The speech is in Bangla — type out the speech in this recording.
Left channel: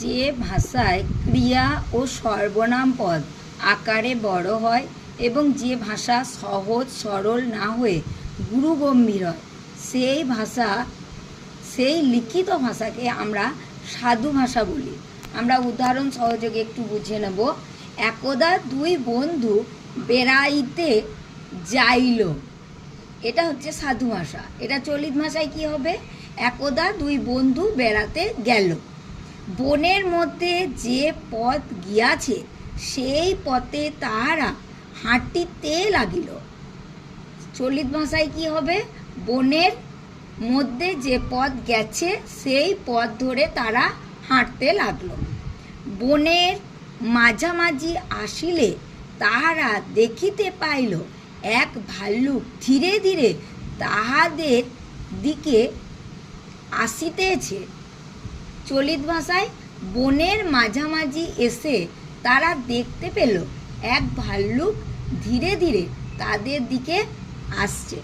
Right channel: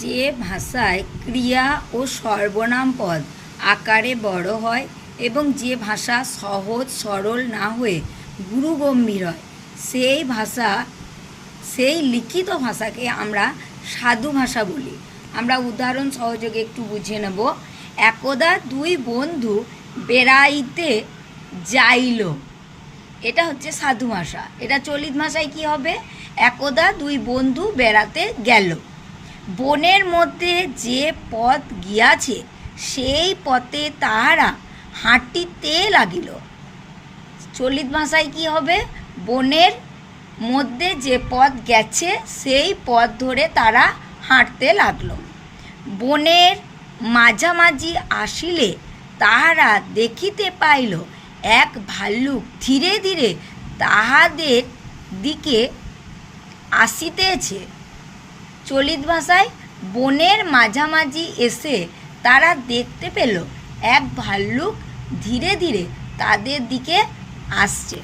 যে ভাষায় ক্রিয়া ও সর্বনাম পদ আকারে বড় হয় এবং যে ভাষা সহজ, সরল না হয়ে গুরুগম্ভীর হয়, সেই ভাষা, সেই লিখিত ভাষাকে আমরা সাধু ভাষা বলি। আমরা উদাহরণ সহযোগে একটু বুঝে নেব। একদা দুই বন্ধু বেড়াইতে যাইল। এটা হচ্ছে সাধু ভাষা। এটা চলিত ভাষায় কি হবে? একদা দুই বন্ধু বেড়াতে গেল। বনের মধ্যে যে পথ গিয়াছে, সেই পথে তাহারা হাঁটিতে লাগিল। চলিত ভাষায় কি হবে? বনের মধ্যে যে পথ গেছে, সেই পথ ধরে তারা হাঁটতে লাগল। বনের মাঝামাঝি আসিলে তাহারা দেখিতে পাইল, এক ভাল্লুক ধীরে ধীরে তাহাদের দিকে আসিতেছে। চলিত ভাষায় বনের মাঝামাঝি এসে তারা দেখতে পেল, এক ভাল্লুক ধীরে ধীরে তাদের দিকে আসছে।